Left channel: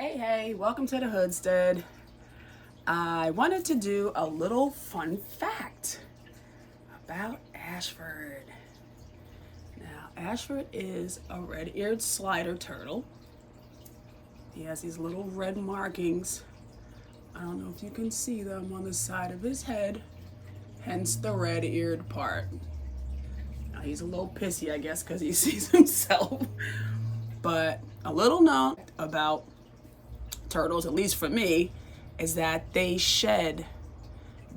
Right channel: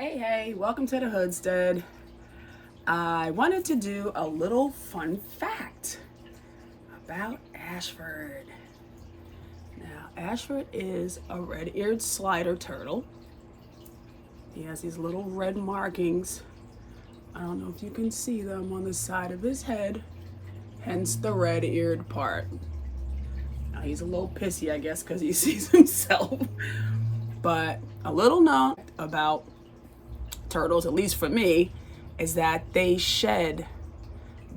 Hey, welcome to the Hoodstead. I wanted to do a little fun fact about Ashford. Now, Ashford is a red-eared slider turtle. He has these little red markings. I don't know if you can see them on the side of his head, hence the red-eared part. Now, he's a little pissy, I guess, because he sees himself. But a little known about turtles, at least for me, is that they shed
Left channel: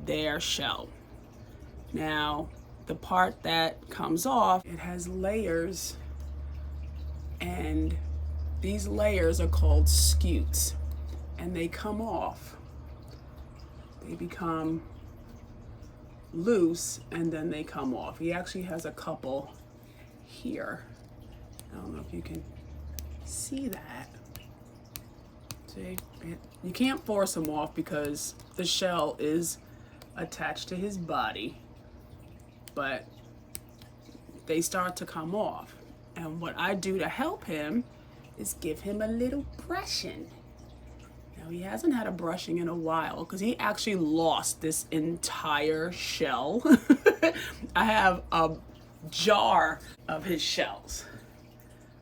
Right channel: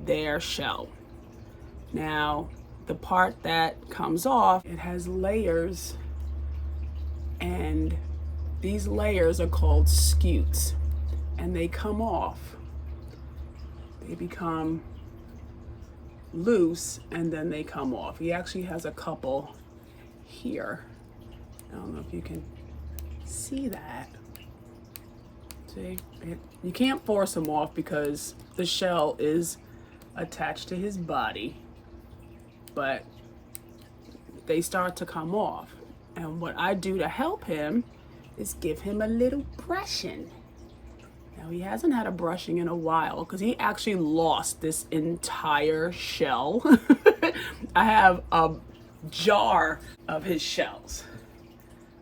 their shell. Now, the part that comes off, it has layers, and these layers are called scutes, and they come off. They become loose, and then they come off. He actually has a couple here. I don't know if you can see that. See, you can't force him off because the shell is attached to his body, but they start to come off. And what I do to help him is give him a little brushing. Now, he hasn't had a brushing in a while because he actually lost this entire shell. I have a jar of his shells,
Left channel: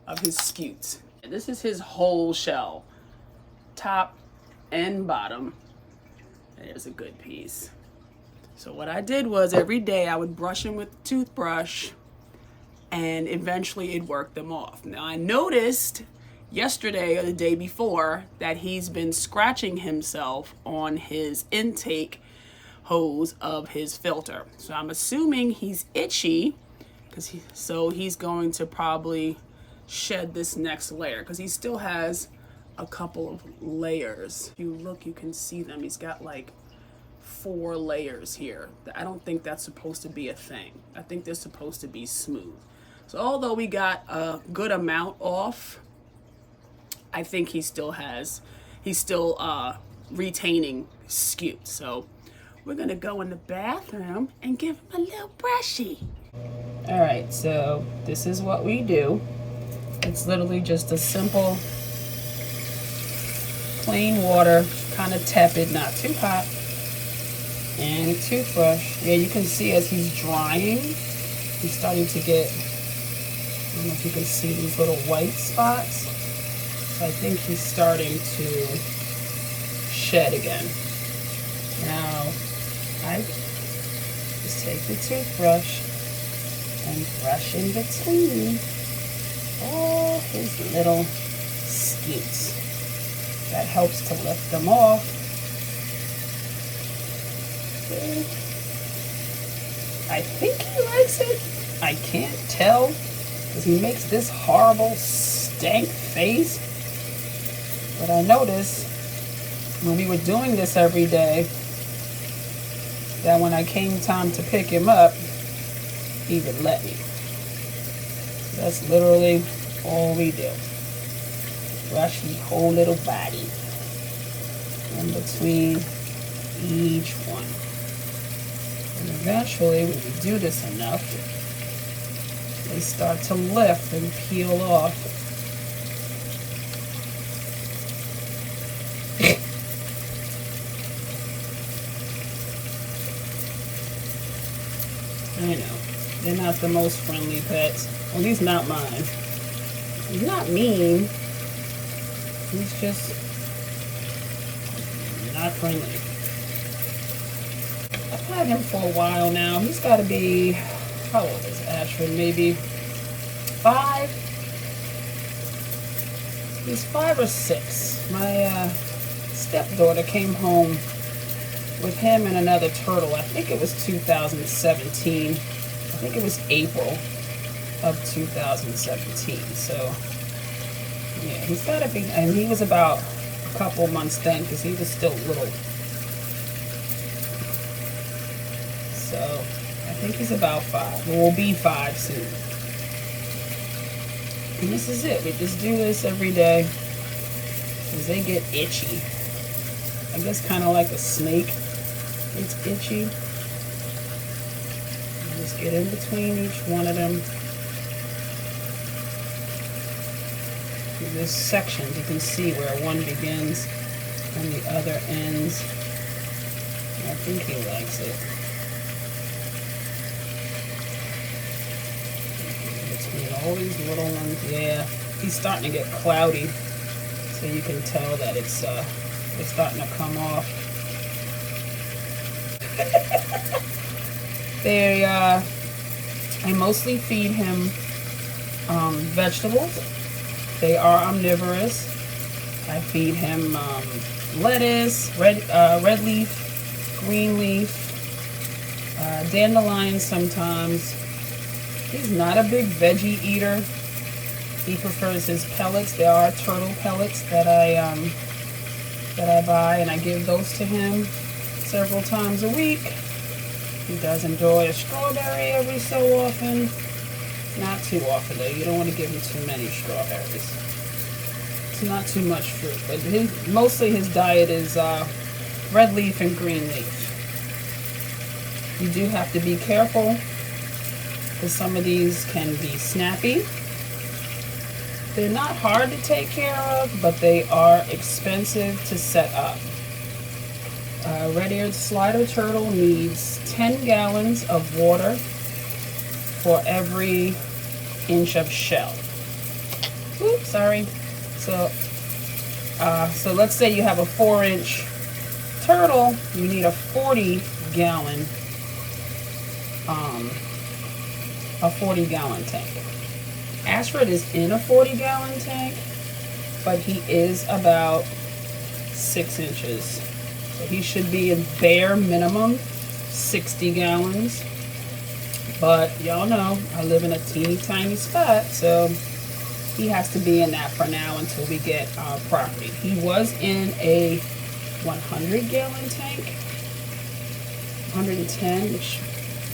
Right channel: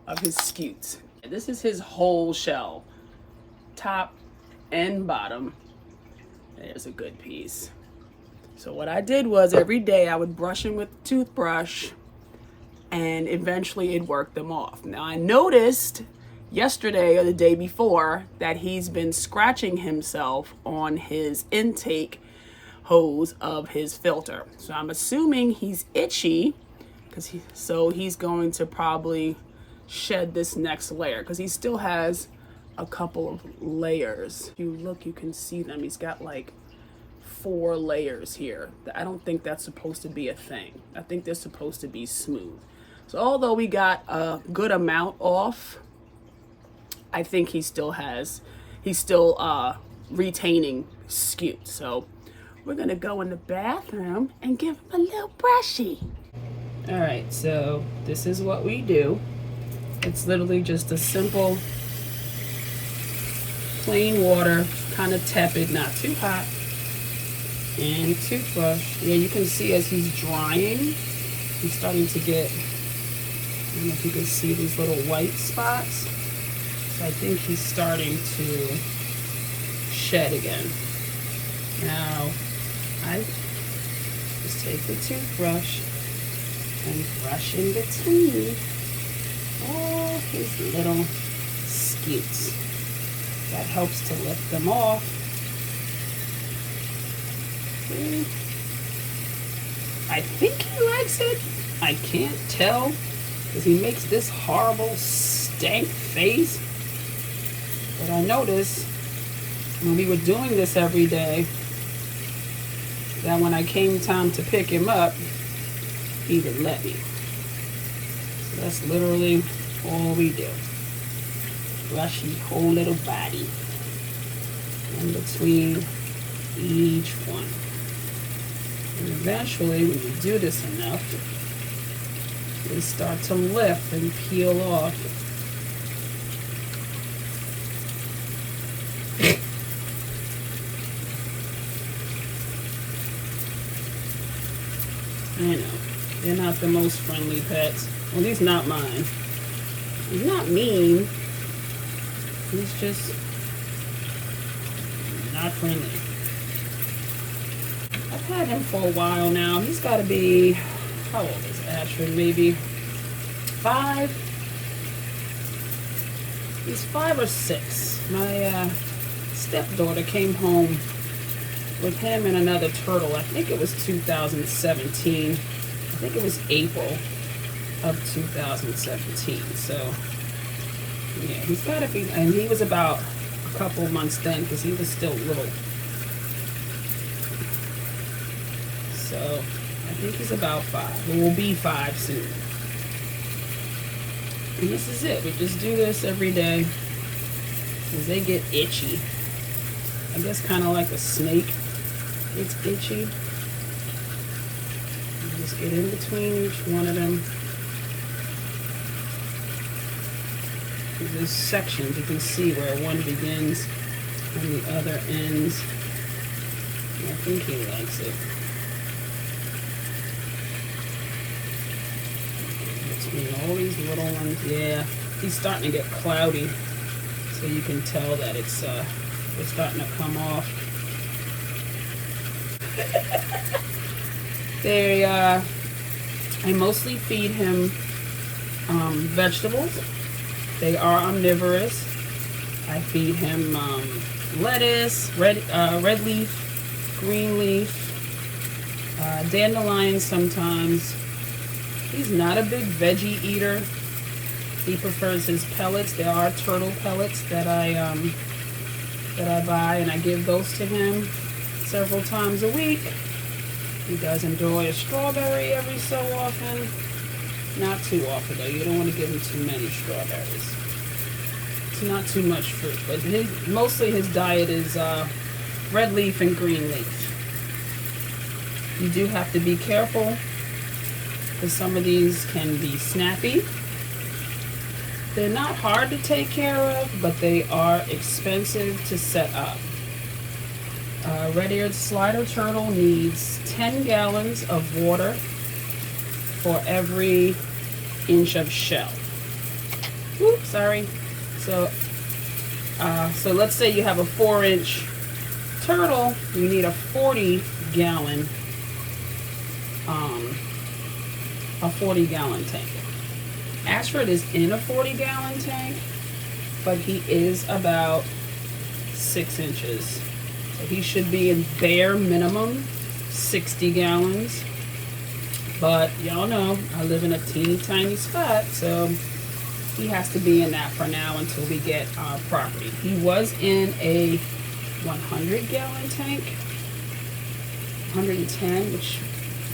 of his scutes. This is his whole shell. Top and bottom. There's a good piece. So what I did was every day I would brush him with a toothbrush, and eventually it worked them off. Now, I noticed yesterday or the day before that he's been scratching himself on his intake hose of his filter. So I'm assuming he's itchy, so he's going to probably shed this next layer because he still has a couple of layers. If you look, you can see them. He's got like 4 layers here. I don't think that's supposed to be a thing. I think they're supposed to be smooth. So although we got a good amount off, I think he's still retaining scute. So we're gonna go in the bathroom and give him a little brushy. All right, so this is what we do. It's literally just a simple plain water, kind of tepid, not too hot, and a toothbrush. Yeah, you can see as he's drying, he's starting to get, I don't know if you can see these little white spots. So I think he's starting to shed again. Now, I just take the toothbrush and brush in between all his little scutes. That helps to lift them off. See? I think he likes it. I can't tell because he makes this horrible stank face. But I noticed when we were doing this every day that when I came time to pick him up, he would let me. So that's literally all we do. Brush his whole little body in between each one. And eventually, when you do this enough, they start to lift and peel off. I know, they're not the most friendly pets. At least not mine. He's not mean. He's just not friendly. I've had him for a while now. He's got to be, how old is Ashford? Maybe 5? He's 5 or 6. My stepdaughter came home with him and another turtle. I think it was 2017. I think it was April of 2017. So yeah, he's got to be, and he was about a couple months then because he was still little. So I think he's about 5. We'll be 5 soon. And this is it. We just do this every day because they get itchy. I guess kind of like a snake. It's itchy. You just get in between each one of them. In this section, you can see where one begins and the other ends. I think he likes it. Between all these little ones, yeah, he's starting to get cloudy, so you can tell that it's starting to come off. I mostly feed him vegetables. They are omnivorous. I feed him lettuce, red leaf, green leaf, dandelions sometimes. He's not a big veggie eater. He prefers his pellets. There are turtle pellets that I buy, and I give those to him several times a week. He does enjoy a strawberry every so often. Not too often though. You don't want to give him too many strawberries. It's not too much fruit, but mostly his diet is red leaf and green leaf. You do have to be careful because some of these can be snappy. They're not hard to take care of, but they are expensive to set up. Red-eared slider turtle needs 10 gallons of water for every inch of shell. Oops, sorry. So let's say you have a 4-inch turtle, you need a 40-gallon tank. ASHFORD is in a 40-gallon tank, but he is about 6 inches. So he should be in bare minimum 60 gallons. But y'all know I live in a teeny tiny spot, so he has to be in that for now until we get our property. He was in a 100-gallon tank, 110, which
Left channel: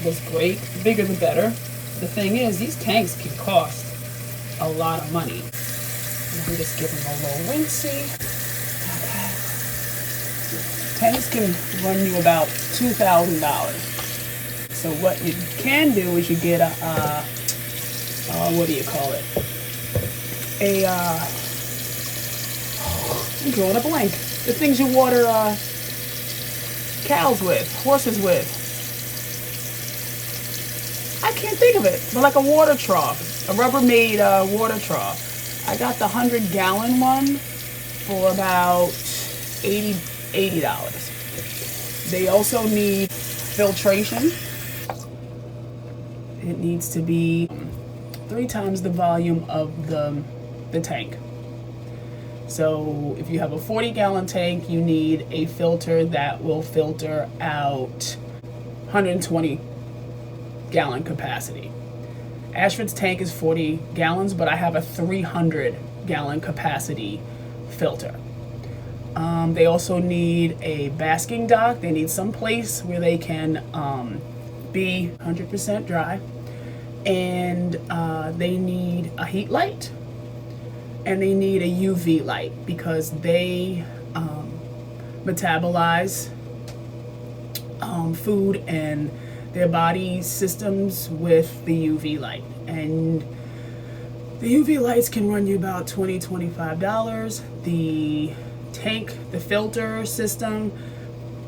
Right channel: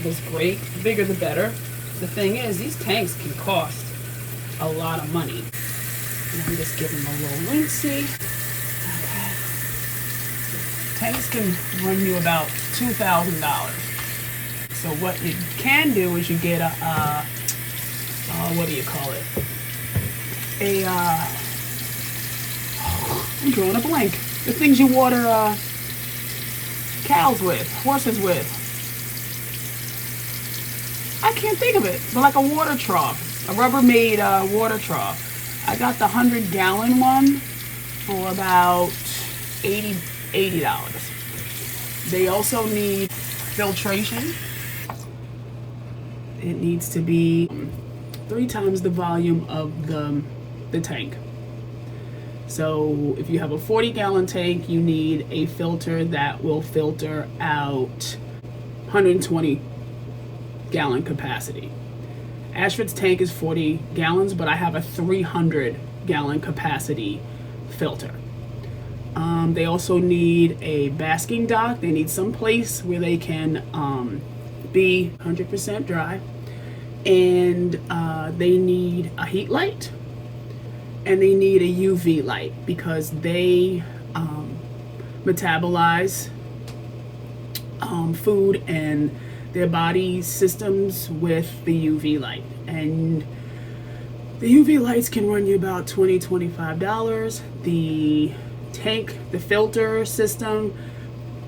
was great. The bigger the better. The thing is, these tanks can cost a lot of money. And I'm just giving him a little rinsey. Okay. Tanks can run you about $2,000. So what you can do is you get a, what do you call it? I'm drawing a blank. The things you water cows with, horses with. I can't think of it, but like a water trough, a Rubbermaid water trough. I got the 100-gallon one for about $80. They also need filtration. It needs to be 3 times the volume of the tank. So if you have a 40-gallon tank, you need a filter that will filter out 120-gallon capacity. ASHFORD's tank is 40 gallons, but I have a 300-gallon capacity filter. They also need a basking dock. They need some place where they can be 100% dry. And they need a heat light, and they need a UV light because they metabolize food and their body systems with the UV light. And the UV lights can run you about $20, $25. The tank, the filter system,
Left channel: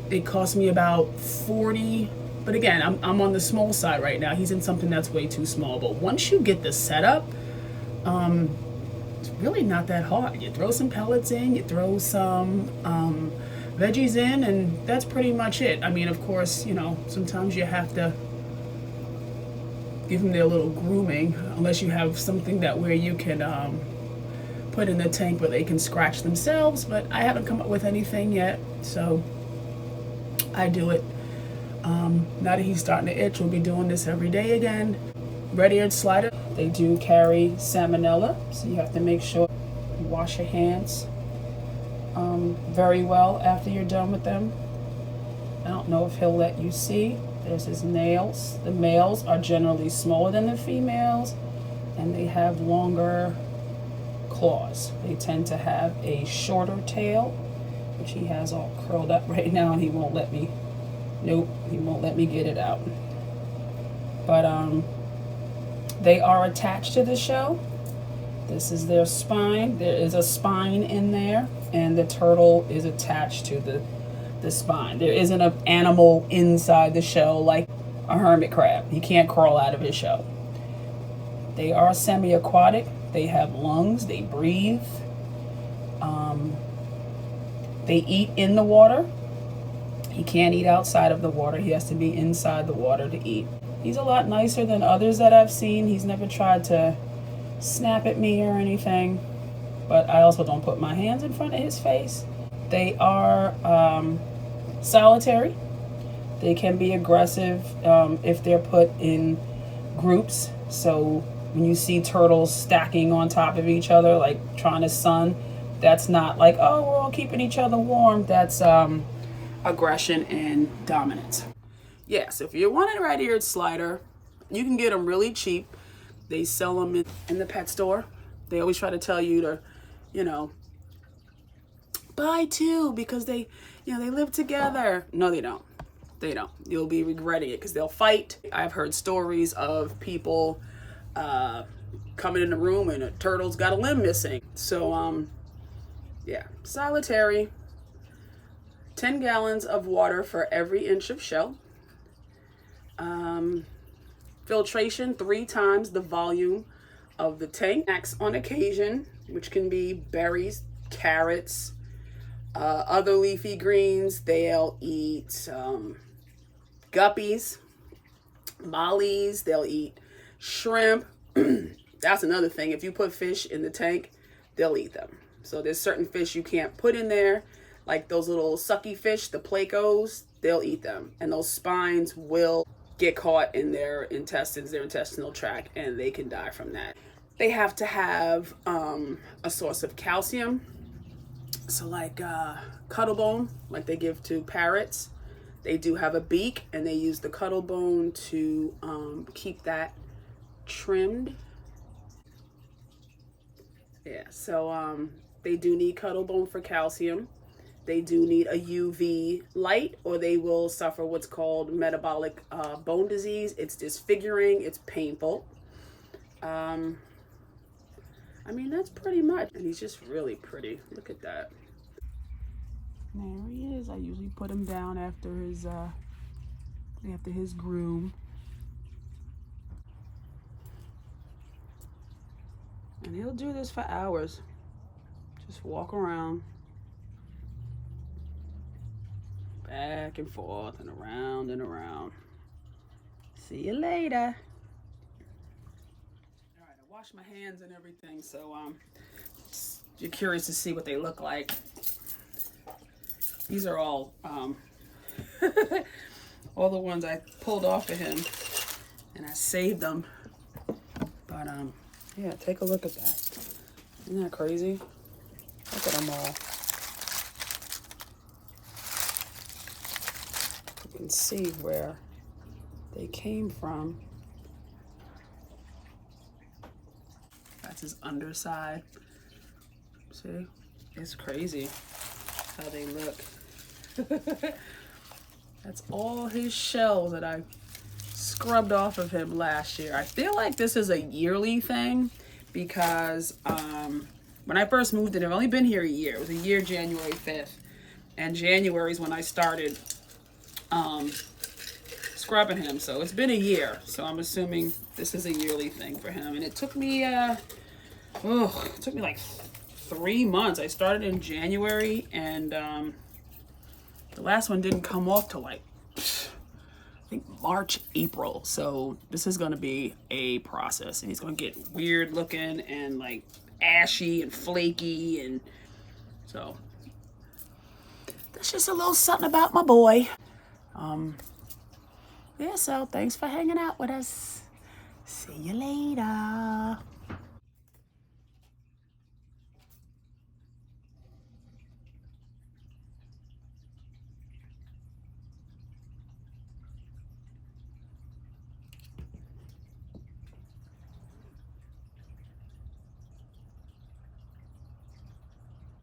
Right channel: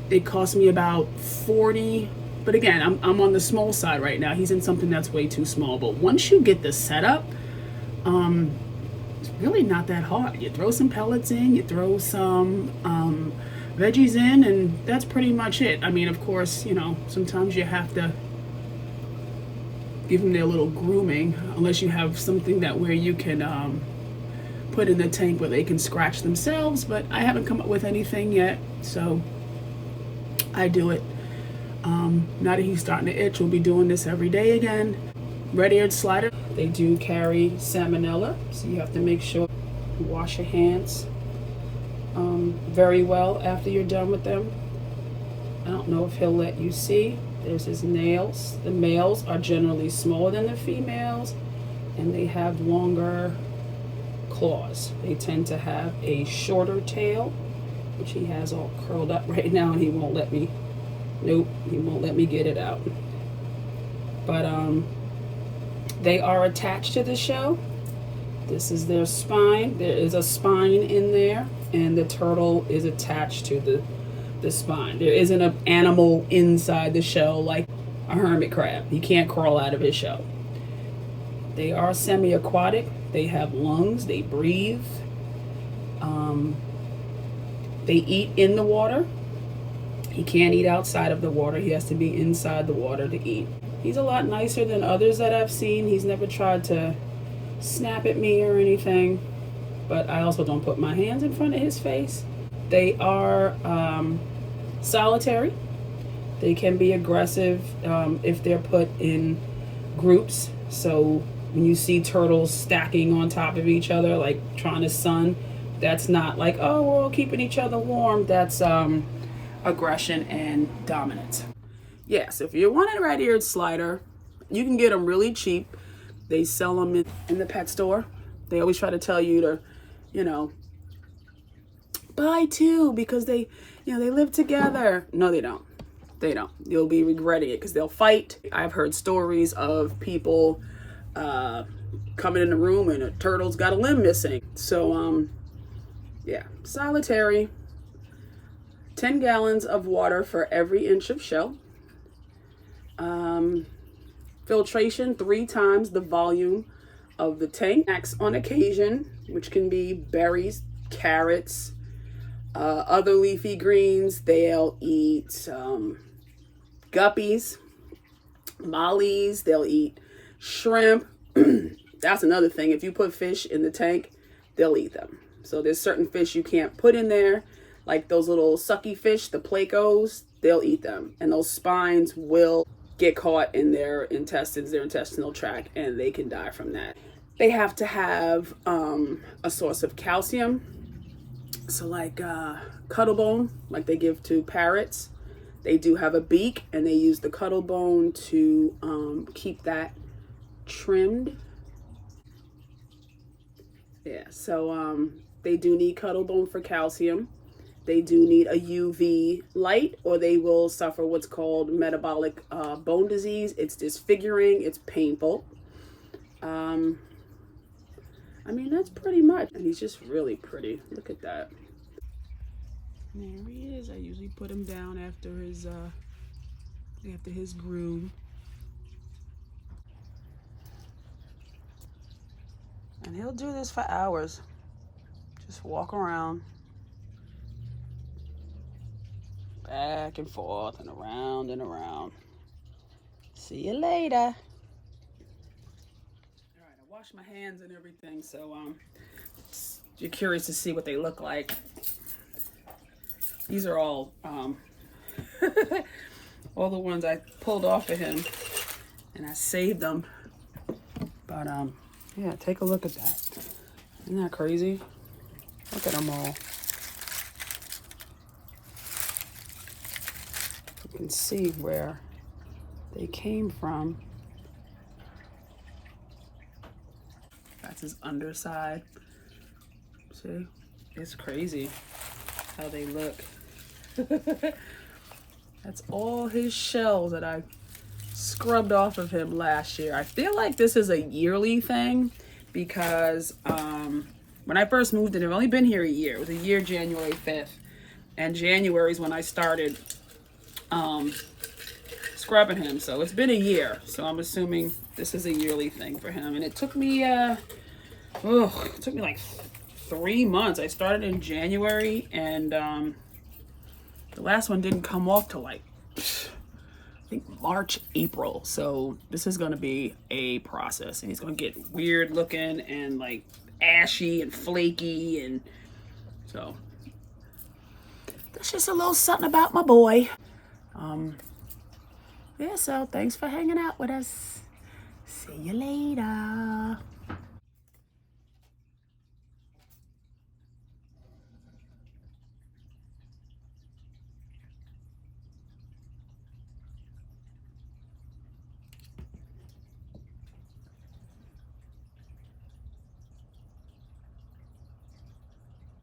it cost me about $40. But again, I'm on the small side right now. He's in something that's way too small. But once you get the setup, it's really not that hard. You throw some pellets in, you throw some veggies in, and that's pretty much it. I mean, of course, you know, sometimes you have to give them their little grooming, unless you have something that where you can put in the tank where they can scratch themselves. But I haven't come up with anything yet, so I do it. Now that he's starting to itch, we'll be doing this every day again. Red-eared slider, they do carry salmonella, so you have to make sure you wash your hands very well after you're done with them. I don't know if he'll let you see. There's his nails. The males are generally smaller than the females, and they have longer claws. They tend to have a shorter tail, which he has all curled up right now, and he won't let me. Nope, he won't let me get it out. But they are attached to the shell, This is their spine. There is a spine in there, and the turtle is attached to the spine. There isn't an animal inside the shell like a hermit crab. He can't crawl out of his shell. They are semi-aquatic. They have lungs. They breathe. They eat in the water. He can't eat outside of the water. He has to be inside the water to eat. He's a lot nicer than others that I've seen. He's never tried to snap at me or anything, but I also don't put my hands in front of his face. They are solitary. They can be aggressive if they're put in groups. So when you see turtles stacking on top of each other, like trying to sun, that's not like, oh, we're all keeping each other warm. That's aggression and dominance. Yeah, so if you want a red-eared slider, you can get them really cheap. They sell them in the pet store. They always try to tell you to, you know, buy two because they, you know, they live together. No, they don't. They don't. You'll be regretting it because they'll fight. I've heard stories of people coming in the room and a turtle's got a limb missing. So, yeah, solitary. 10 gallons of water for every inch of shell. Filtration 3 times the volume of the tank. Snacks on occasion, which can be berries, carrots, other leafy greens. They'll eat guppies, mollies. They'll eat shrimp. That's another thing. If you put fish in the tank, they'll eat them. So there's certain fish you can't put in there, like those little sucky fish, the placos. They'll eat them, and those spines will get caught in their intestines, their intestinal tract, and they can die from that. They have to have a source of calcium. So like cuttlebone, like they give to parrots. They do have a beak, and they use the cuttlebone to keep that trimmed. Yeah, so they do need cuttlebone for calcium. They do need a UV light, or they will suffer what's called metabolic bone disease. It's disfiguring, it's painful. I mean, that's pretty much. And he's just really pretty. Look at that. There he is. I usually put him down after his groom. And he'll do this for hours. Just walk around. Back and forth and around and around. See you later. All right, I washed my hands and everything, so you're curious to see what they look like. These are all all the ones I pulled off of him, and I saved them. But yeah, take a look at that. Isn't that crazy? Look at them all. You can see where they came from. That's his underside. See? It's crazy how they look. That's all his shells that I scrubbed off of him last year. I feel like this is a yearly thing because when I first moved in, I've only been here a year. It was a year, January 5th. And January is when I started scrubbing him. So it's been a year. So I'm assuming this is a yearly thing for him. And it took me, like 3 months. I started in January, and the last one didn't come off till like, I think March, April. So this is going to be a process, and he's going to get weird looking and like ashy and flaky. And so that's just a little something about my boy. Yeah, so thanks for hanging out with us. See you later.